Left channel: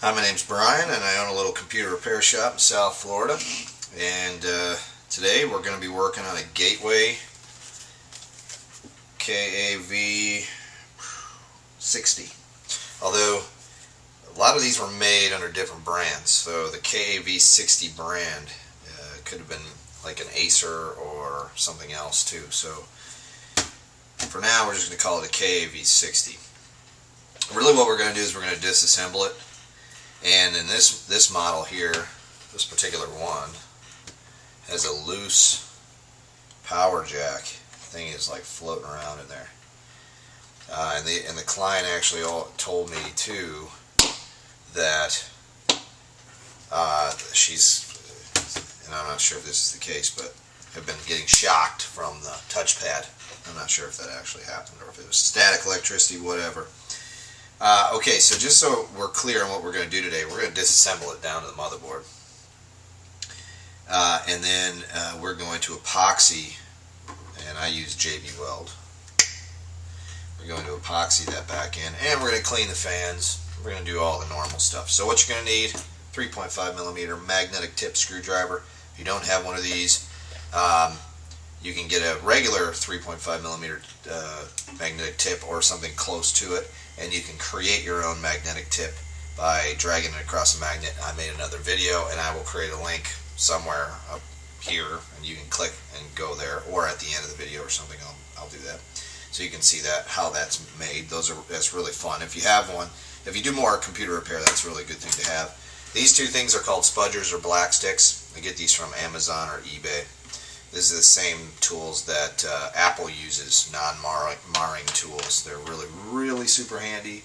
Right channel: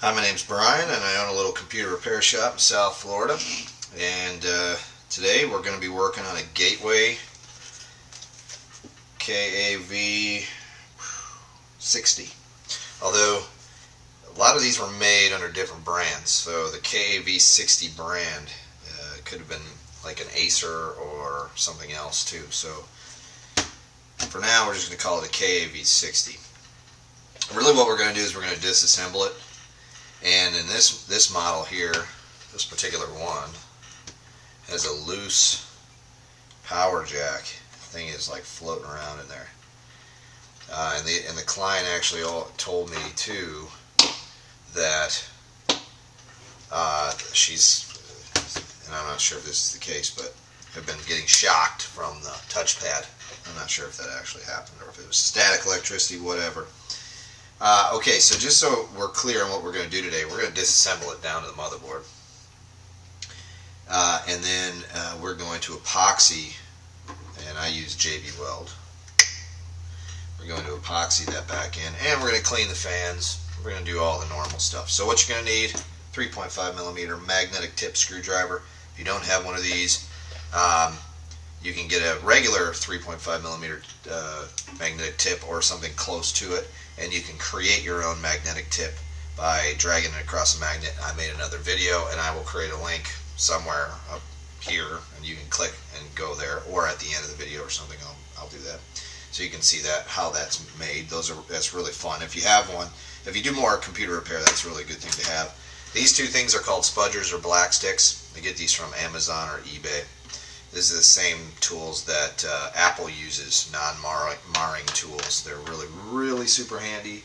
Hi, my name's Brian, and I own a little computer repair shop in South Florida. And today we're going to be working on a Gateway KAV60. Although a lot of these were made under different brands, so the KAV60 brand could have been like an Acer or something else too. So for now, we're just going to call it a KAV60. Really, what we're going to do is we're going to disassemble it. And in this model here, this particular one has a loose power jack. The thing is like floating around in there. And the client actually told me too that she's, and I'm not sure if this is the case, but have been getting shocked from the touchpad. I'm not sure if that actually happened or if it was static electricity, whatever. Okay, so just so we're clear on what we're going to do today, we're going to disassemble it down to the motherboard. And then we're going to epoxy, and I use JB Weld. We're going to epoxy that back in, and we're going to clean the fans. We're going to do all the normal stuff. So what you're going to need, 3.5mm magnetic tip screwdriver. If you don't have one of these, you can get a regular 3.5mm magnetic tip or something close to it, and you can create your own magnetic tip by dragging it across a magnet. I made another video, and I will create a link somewhere up here, and you can click and go there, or at the end of the video or something. I'll do that, so you can see how that's made. That's really fun. If you have one, if you do more computer repair, that's a really good thing to have. These two things are called spudgers or black sticks. I get these from Amazon or eBay. These are the same tools that Apple uses, non-marring tools. They're really super handy.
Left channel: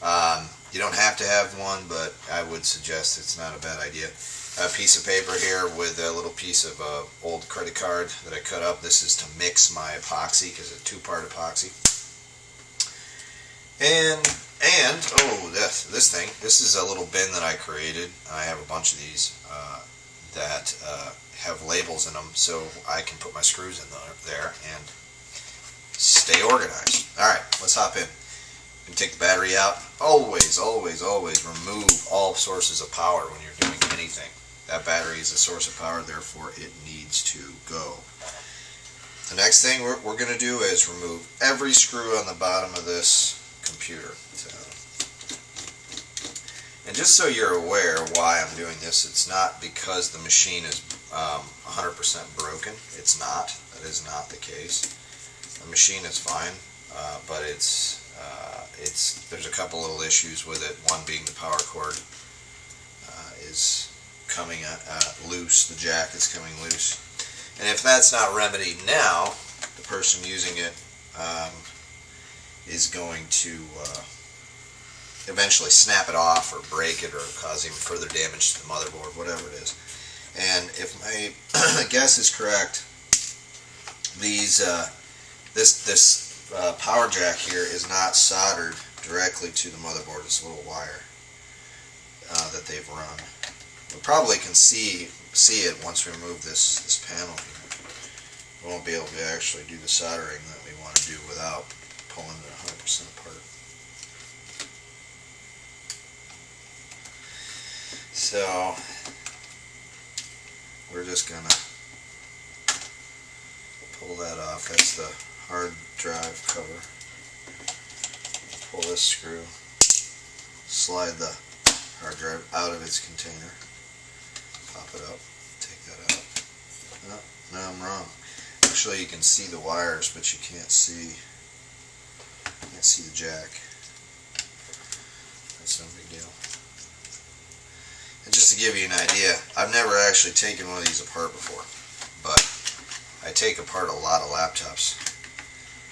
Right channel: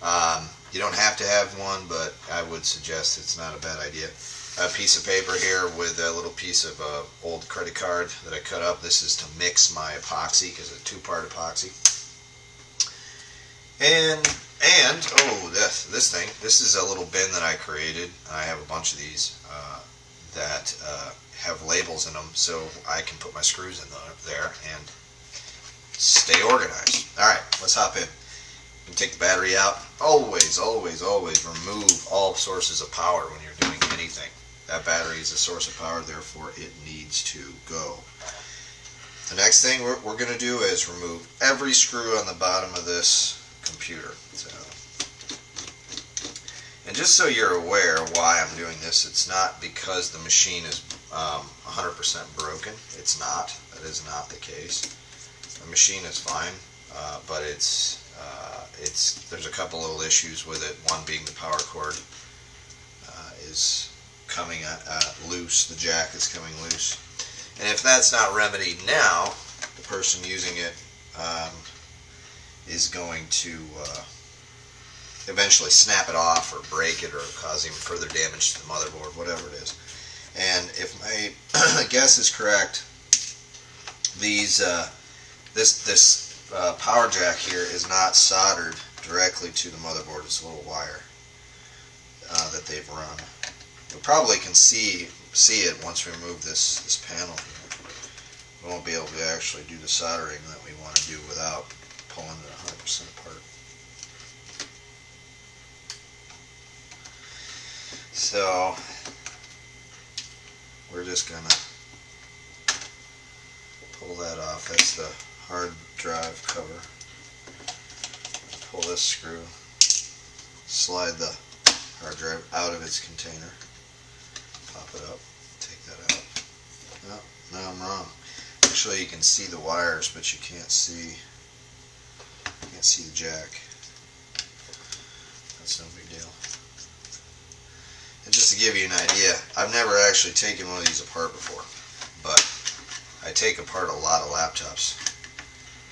You don't have to have one, but I would suggest it's not a bad idea. A piece of paper here with a little piece of old credit card that I cut up. This is to mix my epoxy, because it's a two-part epoxy. And oh, this thing. This is a little bin that I created. I have a bunch of these that have labels in them, so I can put my screws in there and stay organized. Alright, let's hop in. You can take the battery out. Always remove all sources of power when you're doing anything. That battery is a source of power, therefore it needs to go. The next thing we're going to do is remove every screw on the bottom of this computer. And just so you're aware why I'm doing this, it's not because the machine is 100% broken. It's not. That is not the case. The machine is fine, but there's a couple little issues with it. One being the power cord is coming loose. The jack is coming loose. And if that's not remedied now, the person using it is going to eventually snap it off or break it or cause even further damage to the motherboard, whatever it is. And if my guess is correct, this power jack here is not soldered directly to the motherboard. It's a little wire that they've run. We probably can see it once we remove this panel here. We won't be able to actually do the soldering that we want to do without pulling it 100% apart. So we're just going to pull that off. That's the hard drive cover. Pull this screw, slide the hard drive out of its container, pop it up, take that out. Oh, no, I'm wrong. Actually, you can see the wires, but you can't see the jack. That's no big deal. And just to give you an idea, I've never actually taken one of these apart before, but I take apart a lot of laptops,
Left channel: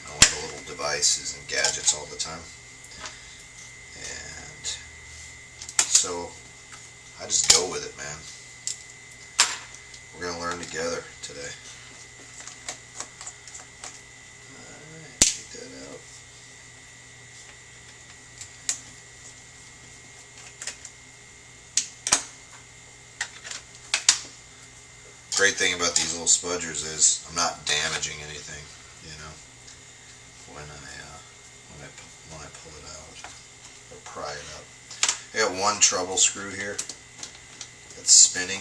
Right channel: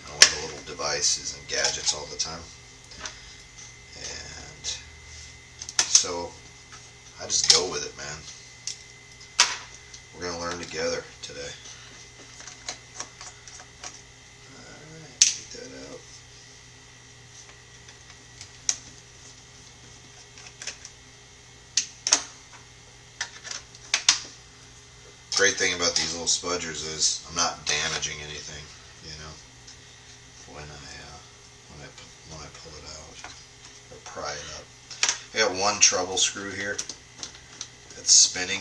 a lot of little devices and gadgets all the time. And so I just go with it, man. We're going to learn together today. Alright, take that out. Great thing about these little spudgers is I'm not damaging anything, you know, when I pull it out or pry it up. I got one trouble screw here that's spinning.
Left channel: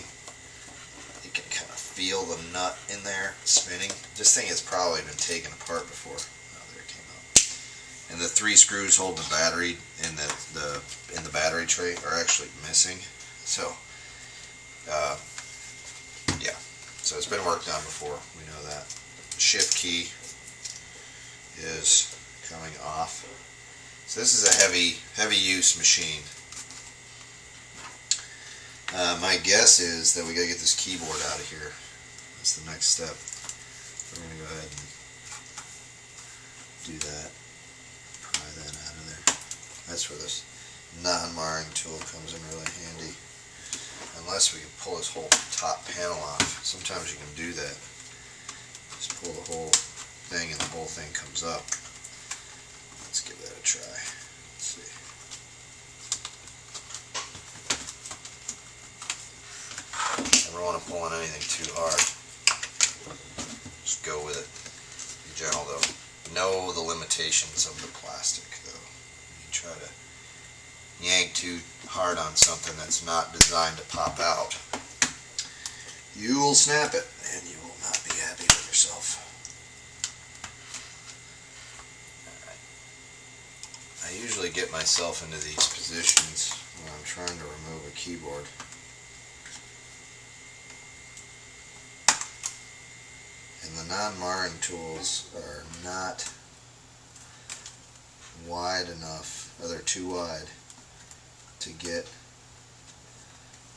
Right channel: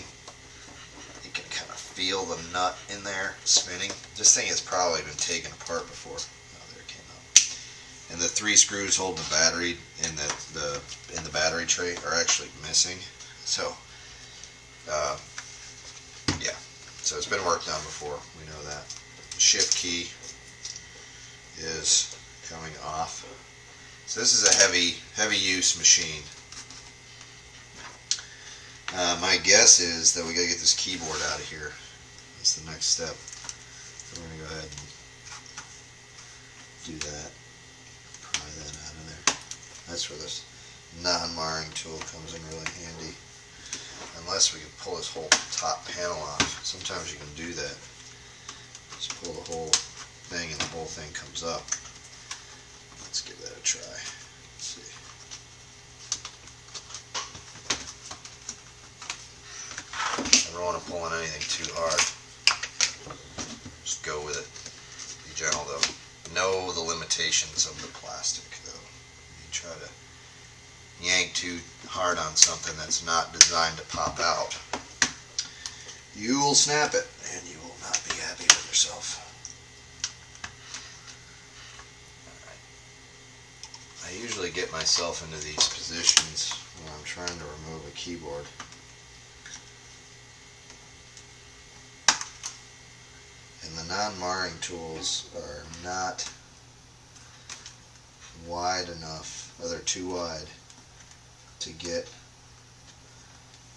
You can kind of feel the nut in there spinning. This thing has probably been taken apart before. Oh, there it came out. And the 3 screws holding the battery in the battery tray are actually missing. So, yeah. So it's been worked on before. We know that. The shift key is coming off. So this is a heavy use machine. My guess is that we gotta get this keyboard out of here. That's the next step. So we're gonna go ahead and do that. Pry that out of there. That's where this non-marring tool comes in really handy. Unless we can pull this whole top panel off. Sometimes you can do that. Just pull the whole thing and the whole thing comes up. Let's give that a try. Let's see. Never want to pull on anything too hard. Just go with it. Be gentle though. Know the limitations of the plastic though. You try to yank too hard on something that's not designed to pop out, you will snap it and you will not be happy with yourself. I usually get myself into these positions when I'm trying to remove a keyboard. And the non-marring tools are not wide enough, or they're too wide to get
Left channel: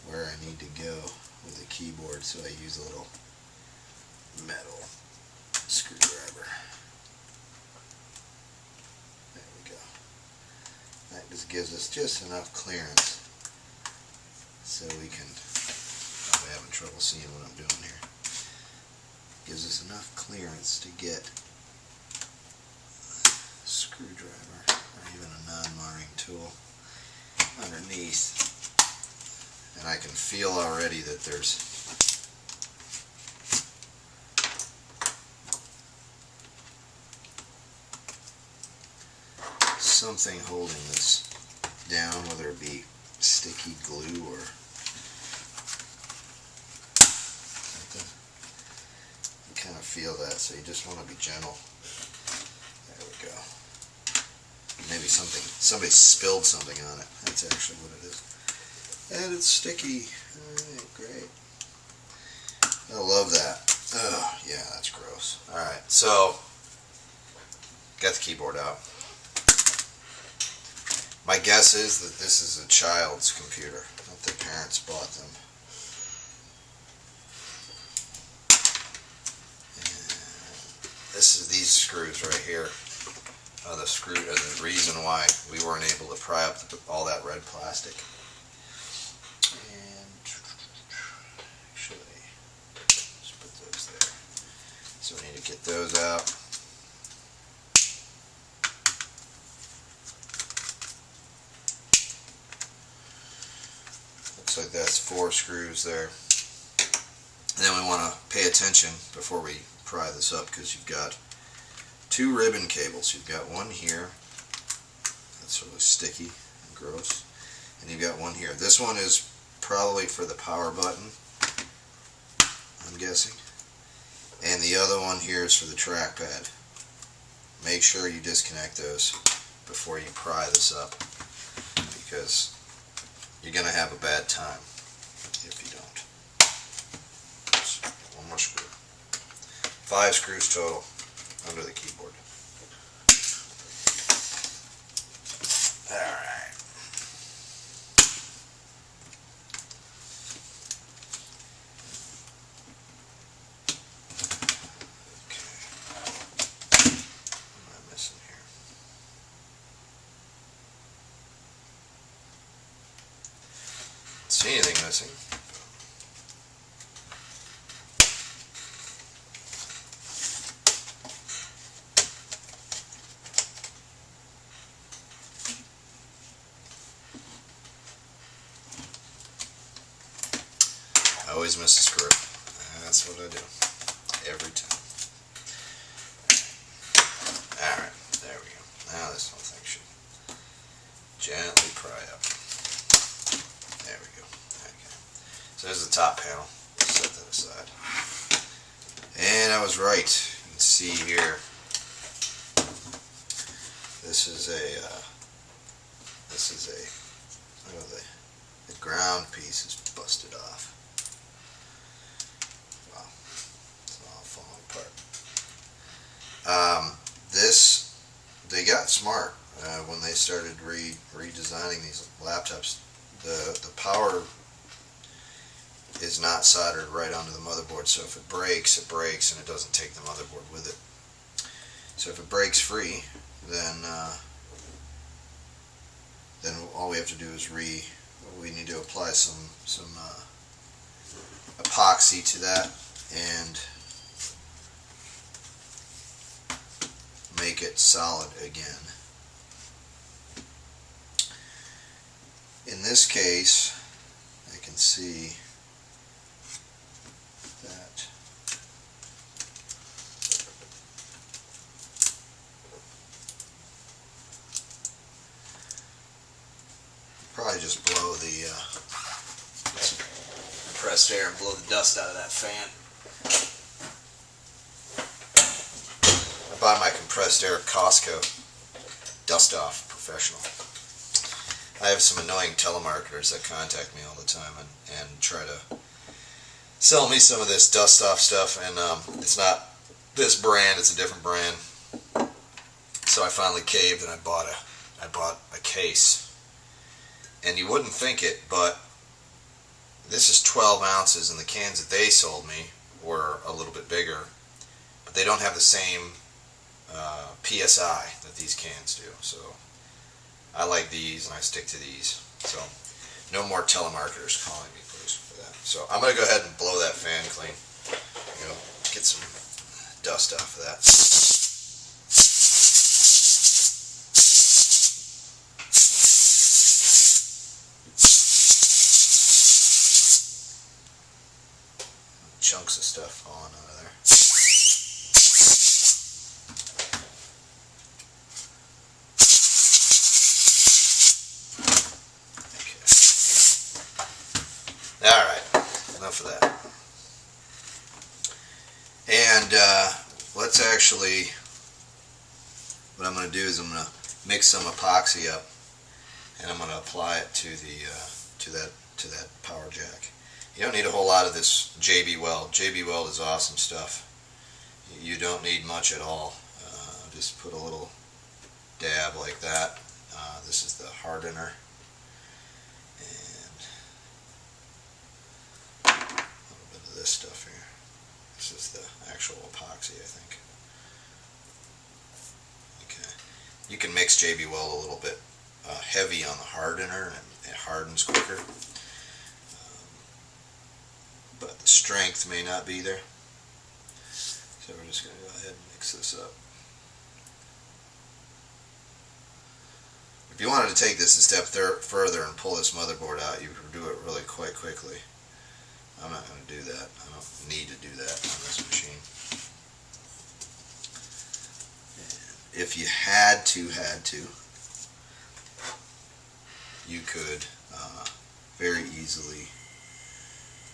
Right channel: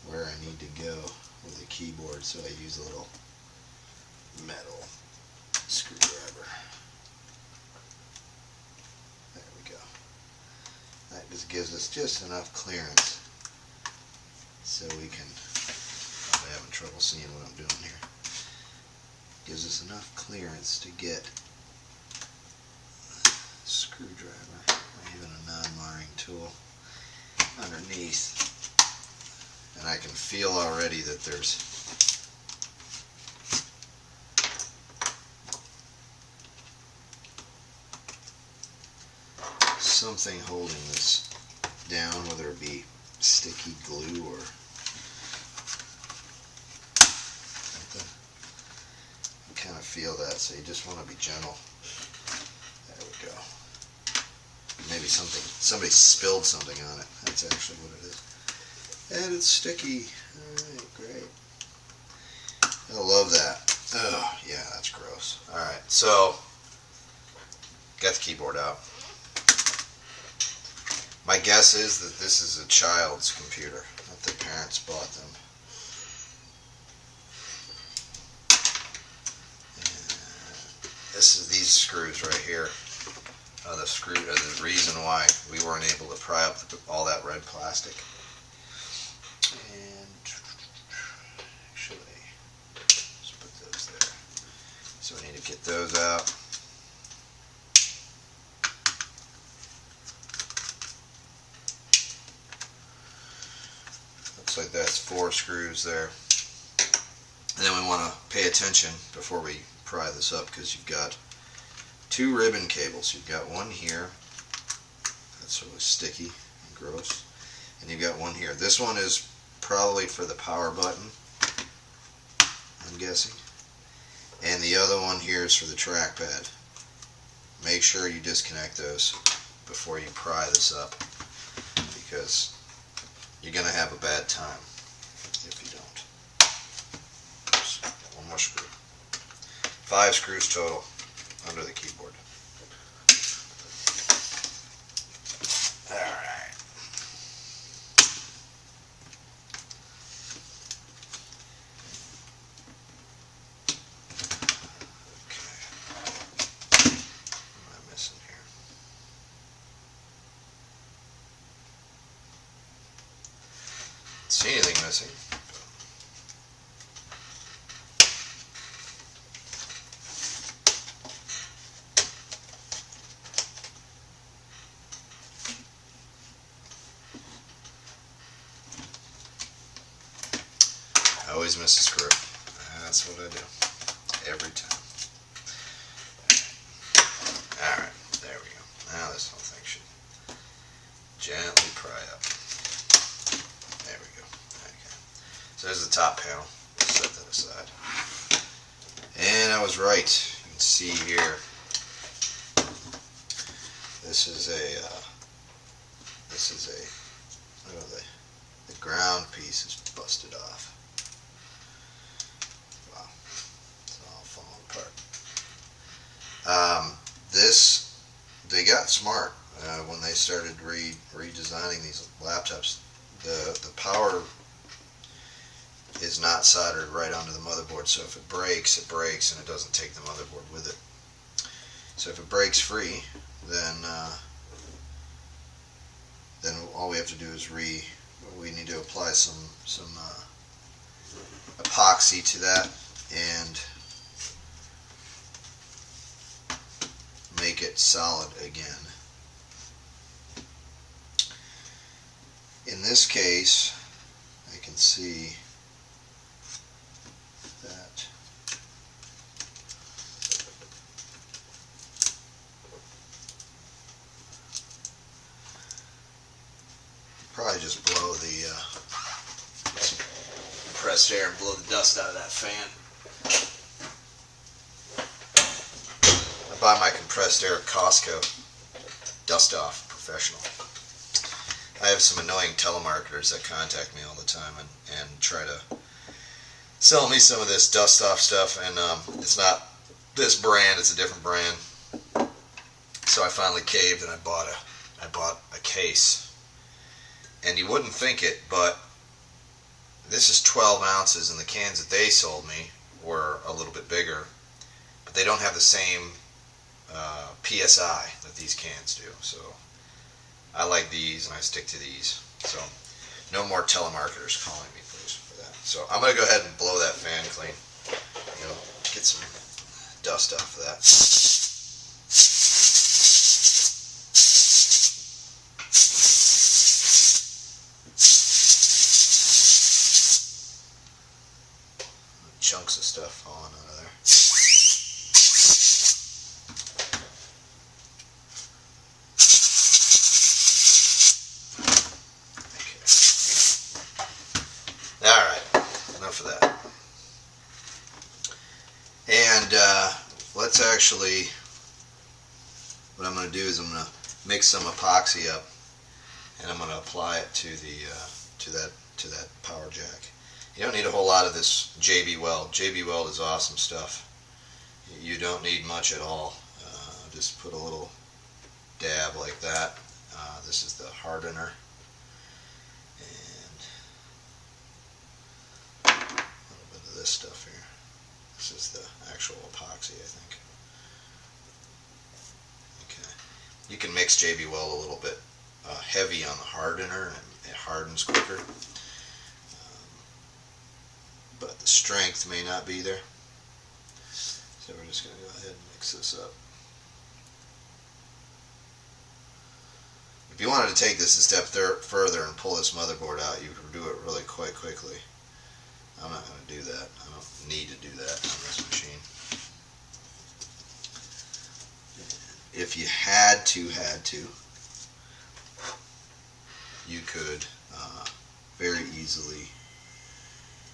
where I need to go with the keyboard, so I use a little metal screwdriver. There we go. That just gives us just enough clearance so we can, I'm having trouble seeing what I'm doing here. Gives us enough clearance to get a screwdriver or even a non-marring tool underneath. And I can feel already that there's something holding this down, whether it be sticky glue or something. You kind of feel that, so you just want to be gentle. There we go. Maybe somebody spilled something on it. That's actually what it is. And it's sticky. Alright, great. I love that. Oh, yeah, that's gross. Alright, so, got the keyboard out. My guess is that this is a child's computer, that their parents bought them. And this is these screws right here. The reason why we weren't able to pry up all that red plastic. And actually, let's put those there. So we need to get those out. Looks like that's 4 screws there. And then we want to pay attention before we pry this up, because you've got 2 ribbon cables. You've got one here, that's really sticky and gross, and you've got one here. This one is probably for the power button, I'm guessing, and the other one here is for the trackpad. Make sure you disconnect those before you pry this up, because you're going to have a bad time if you don't. Oops, one more screw. 5 screws total under the keyboard. Alright. Okay. What am I missing here? Don't see anything missing. I always miss a screw. That's what I do. Every time. Alright, there we go. Now this whole thing should gently pry up. So there's the top panel. Set that aside. And I was right. You can see here. This is a. Oh, the ground piece is busted off. Wow, it's all falling apart. They got smart when they started redesigning these laptops. The power is not soldered right onto the motherboard, so if it breaks, it breaks, and it doesn't take the motherboard with it. So if it breaks free, then all we have to do is we need to apply some epoxy to that and make it solid again. In this case, I can see that probably just blow the compressed air and blow the dust out of that fan. I buy my compressed air at Costco. Dust Off Professional. I have some annoying telemarketers that contact me all the time and try to sell me some of this dust off stuff, and it's not this brand, it's a different brand. So I finally caved and I bought a case. And you wouldn't think it, but this is 12 ounces, and the cans that they sold me were a little bit bigger, but they don't have the same PSI that these cans do. So I like these, and I stick to these. So no more telemarketers calling me, please, for that. So I'm going to go ahead and blow that fan clean. Get some dust off of that. Chunks of stuff falling out of there. Okay. Alright, enough of that. And let's actually, what I'm going to do is I'm going to mix some epoxy up, and I'm going to apply it to that power jack. You don't need a whole lot of this JB Weld. JB Weld is awesome stuff. You don't need much at all. Just put a little dab like that. This is the hardener. And a little bit of this stuff here. This is the actual epoxy, I think. Okay. You can mix JB Weld a little bit heavy on the hardener, and it hardens quicker. But the strength may not be there. So we're just going to go ahead and mix this up. If you wanted to take this a step further and pull this motherboard out, you could do it really quite quickly. I'm not going to do that. I don't need to do that on this machine. And if you had to, you could very easily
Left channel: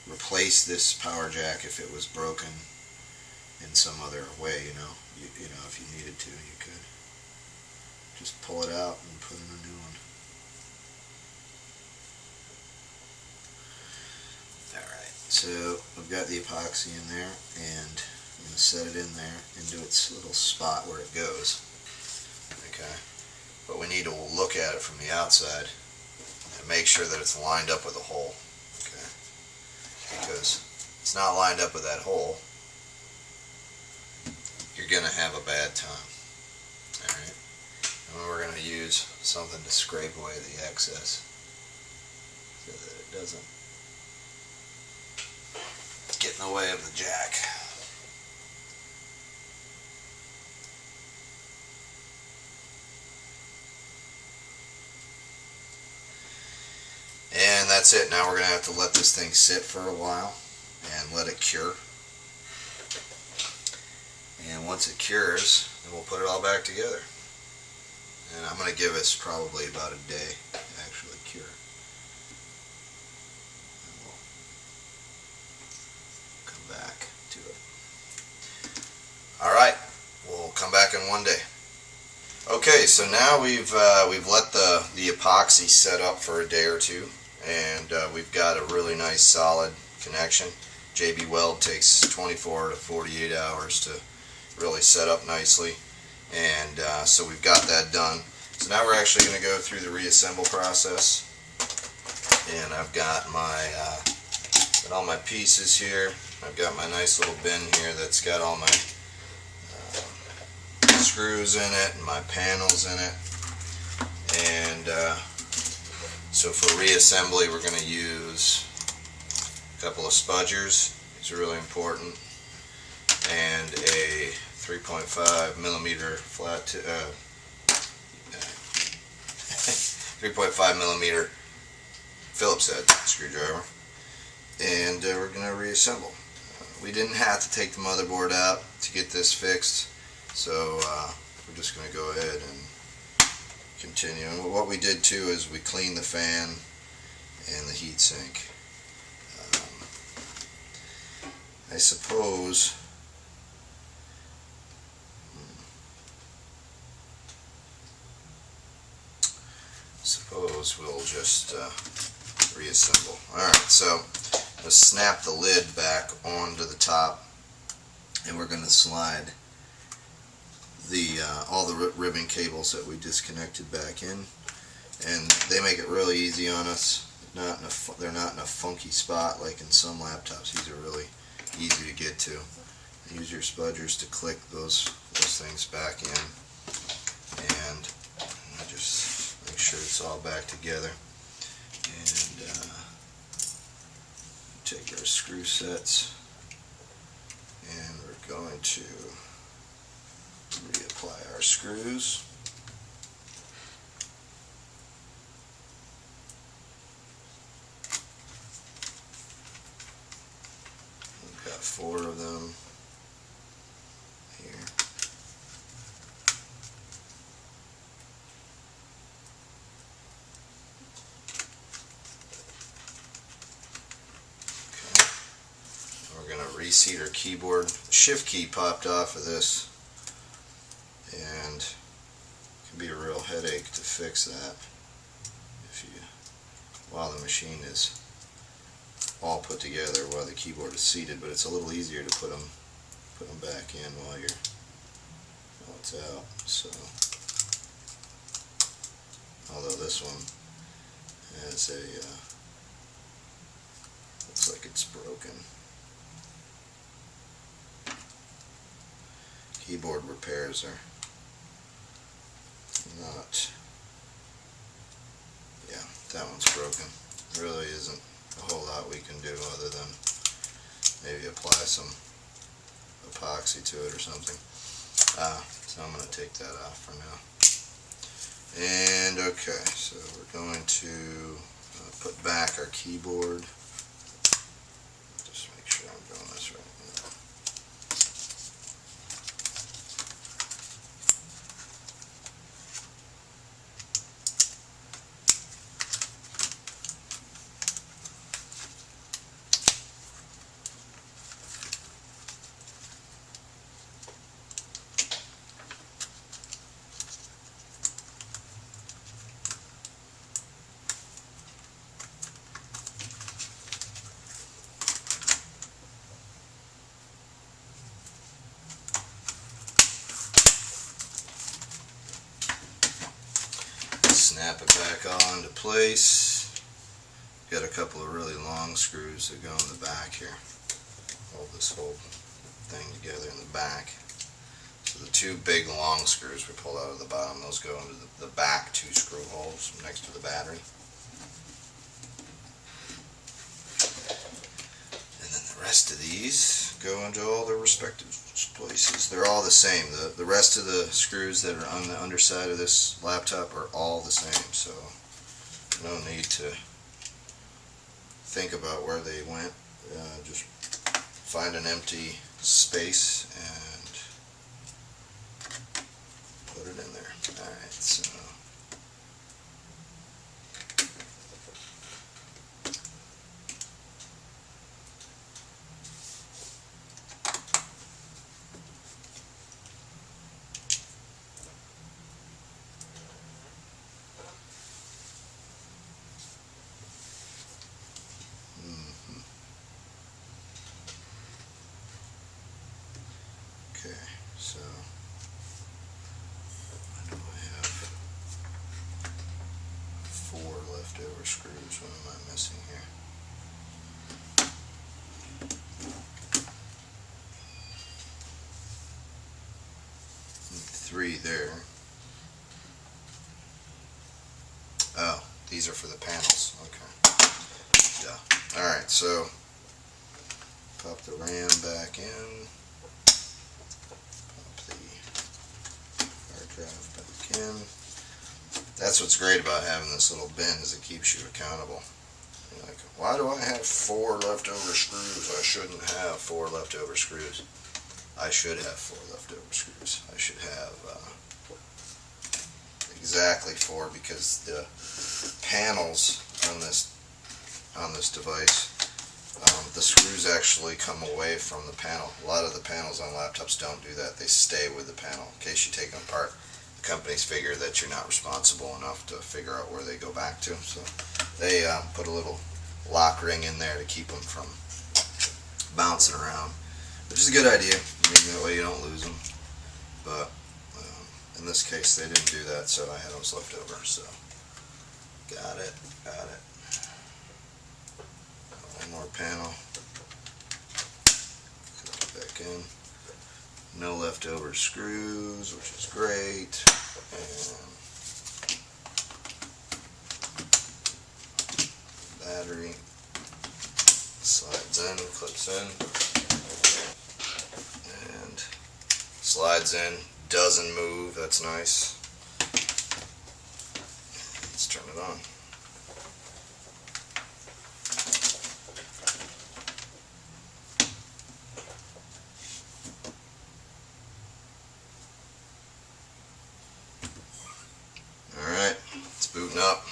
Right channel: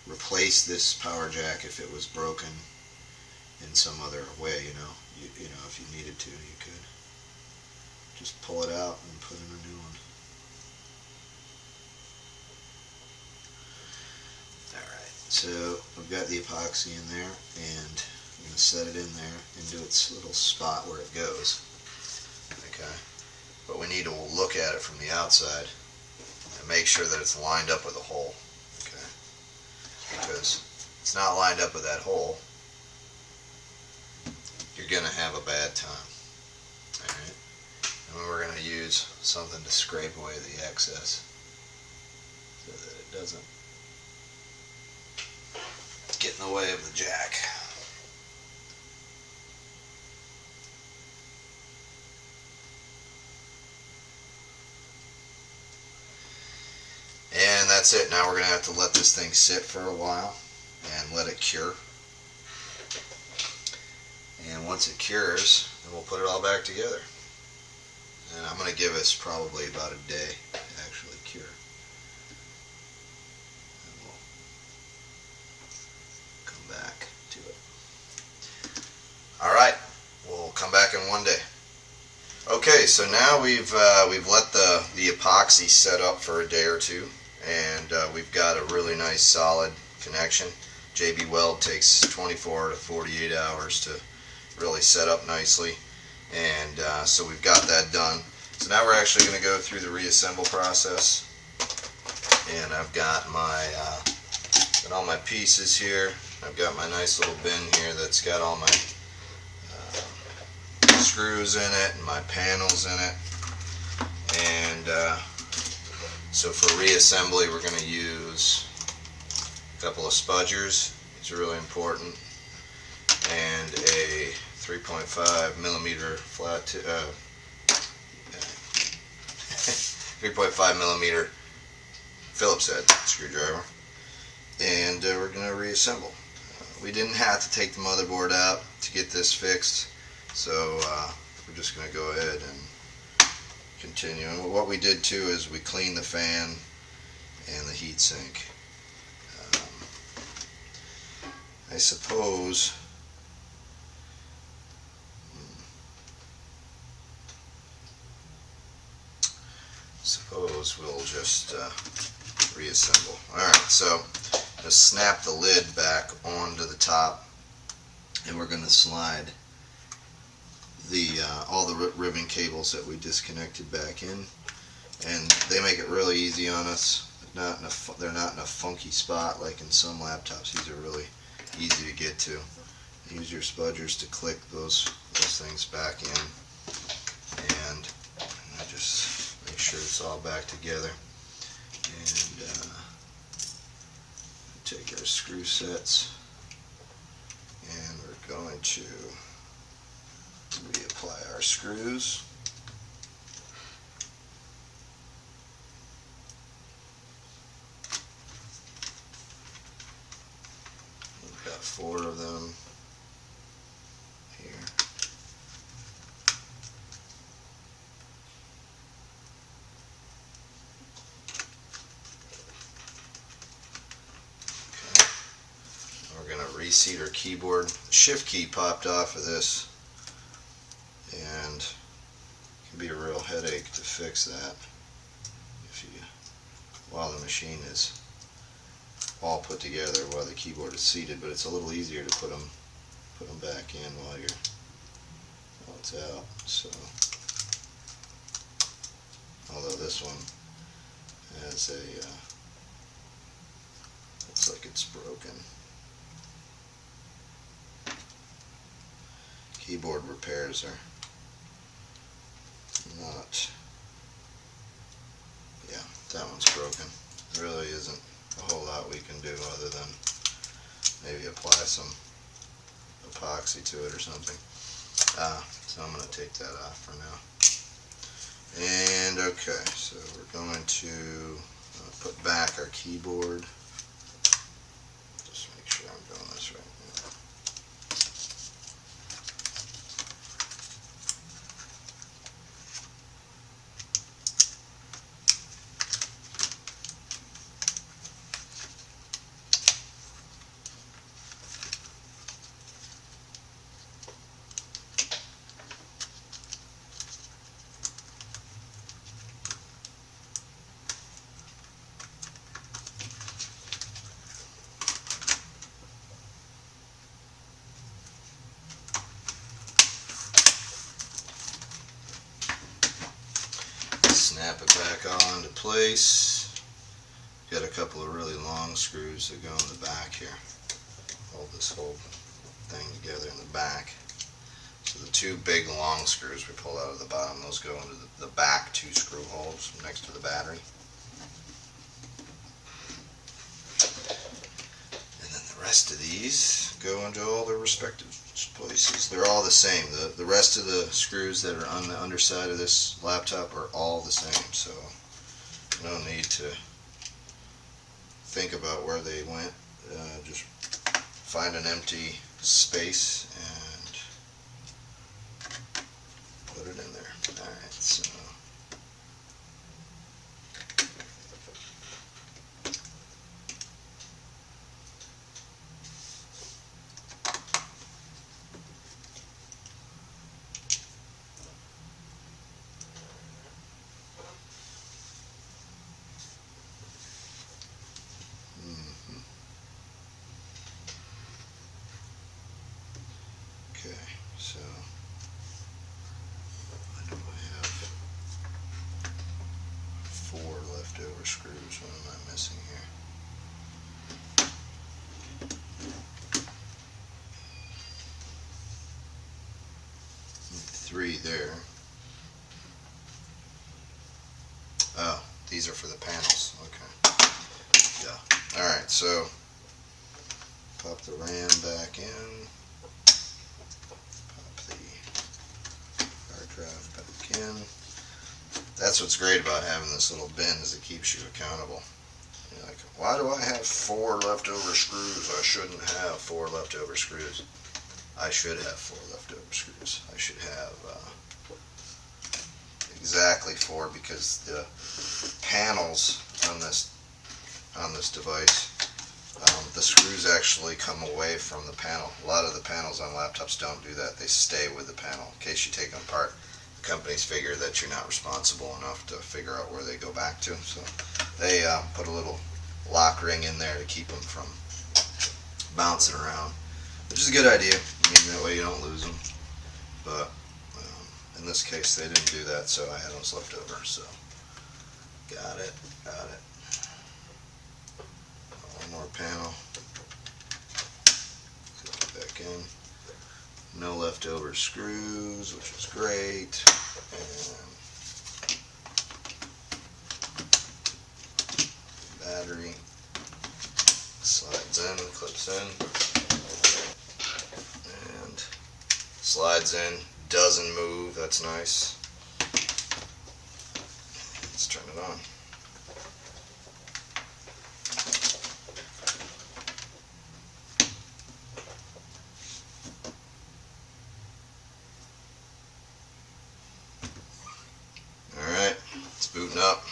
replace this power jack if it was broken in some other way. You know, if you needed to, you could just pull it out and put in a new one. Alright, so I've got the epoxy in there, and I'm going to set it in there into its little spot where it goes. Okay, but we need to look at it from the outside and make sure that it's lined up with the hole. Because if it's not lined up with that hole, you're going to have a bad time. Alright, and we're going to use something to scrape away the excess so that it doesn't get in the way of the jack. And that's it. Now we're going to have to let this thing sit for a while and let it cure. And once it cures, then we'll put it all back together. And I'm going to give us probably about a day to actually cure. And we'll so now we've let the epoxy set up for a day or two, and we've got a really nice solid connection. JB Weld takes 24 to 48 hours to really set up nicely, and so we've got that done. So now we're actually going to go through the reassemble process, and I've got all my pieces here. I've got my nice little bin here that's got all my screws in it and my panels in it, and so for reassembly we're going to use a couple of spudgers. These are really important, and a 3.5 millimeter flat 3.5 millimeter Phillips head screwdriver, and we're going to reassemble. We didn't have to take the motherboard out to get this fixed, so we're just going to go ahead and continue. And what we did too is we cleaned the fan and the heat sink. I suppose we'll just reassemble. Alright, so let's snap the lid back onto the top, and we're going to slide all the ribbon cables that we disconnected back in, and they make it really easy on us. They're not in a funky spot like in some laptops. These are really easy to get to. Use your spudgers to click those things back in, and just make sure it's all back together. And take our screw sets, and we're going to reapply our screws. We've got 4 of them here. Okay. We're going to reseat our keyboard. The shift key popped off of this, and it can be a real headache to fix that while the machine is all put together, while the keyboard is seated. But it's a little easier to put them back in while it's out. So, although this one has looks like it's broken. Keyboard repairs are not, yeah, that one's broken. There really isn't a whole lot we can do other than maybe apply some epoxy to it or something. So I'm going to take that off for now. And okay, so we're going to put back our keyboard. Just make sure I'm doing this right. Snap it back all into place. Got a couple of really long screws that go in the back here. Hold this whole thing together in the back. So the 2 big long screws we pull out of the bottom, those go into the back 2 screw holes next to the battery. And then the rest of these go into all their respective places. They're all the same. The rest of the screws that are on the underside of this laptop are all the same, so no need to think about where they went. Just find an empty space and put it in there. Alright, so So I know I have 4 leftover screws. What am I missing here? 3 there. Oh, these are for the panels. Okay. Yeah. Alright, so pop the ram back in. Pop the hard drive back in. That's what's great about having this little bin, is it keeps you accountable. You're like, why do I have 4 leftover screws? I shouldn't have 4 leftover screws. I should have 4 leftover screws. I should have exactly 4, because the panels on this device, the screws actually come away from the panel. A lot of the panels on laptops don't do that. They stay with the panel. In case you take them apart, the companies figure that you're not responsible enough to figure out where they go back to. So they put a little lock ring in there to keep them from bouncing around, which is a good idea. I mean, that way you don't lose them. But in this case, they didn't do that, so I had those left over. So got it. One more panel. Put it back in. No leftover screws, which is great. And battery slides in, clips in, and slides in. Doesn't move. That's nice. Let's turn it on. Alright, it's booting up.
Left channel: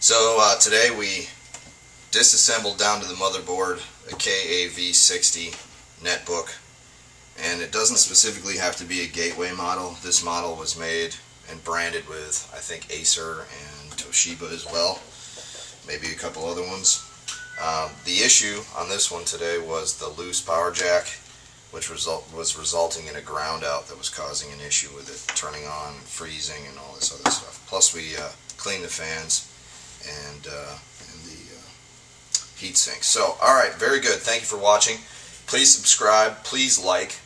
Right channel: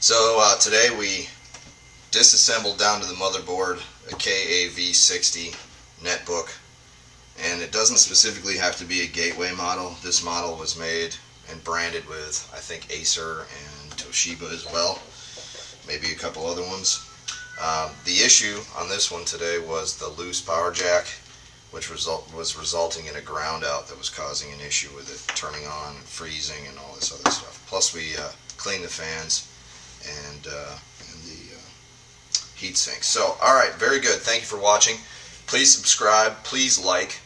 So today we disassembled down to the motherboard a KAV60 Netbook. And it doesn't specifically have to be a gateway model. This model was made and branded with, I think, Acer and Toshiba as well. Maybe a couple other ones. The issue on this one today was the loose power jack, which was resulting in a ground out that was causing an issue with it turning on and freezing and all this other stuff. Plus we cleaned the fans and the heat sink. So, alright, very good. Thank you for watching. Please subscribe, please like,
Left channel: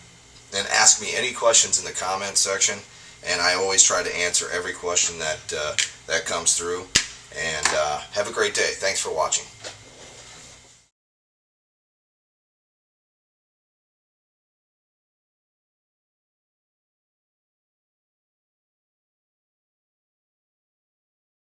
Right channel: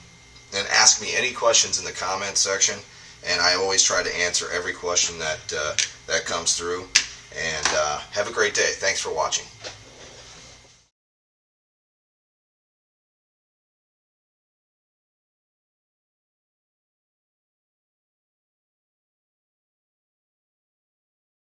and ask me any questions in the comment section, and I always try to answer every question that comes through. And have a great day. Thanks for watching.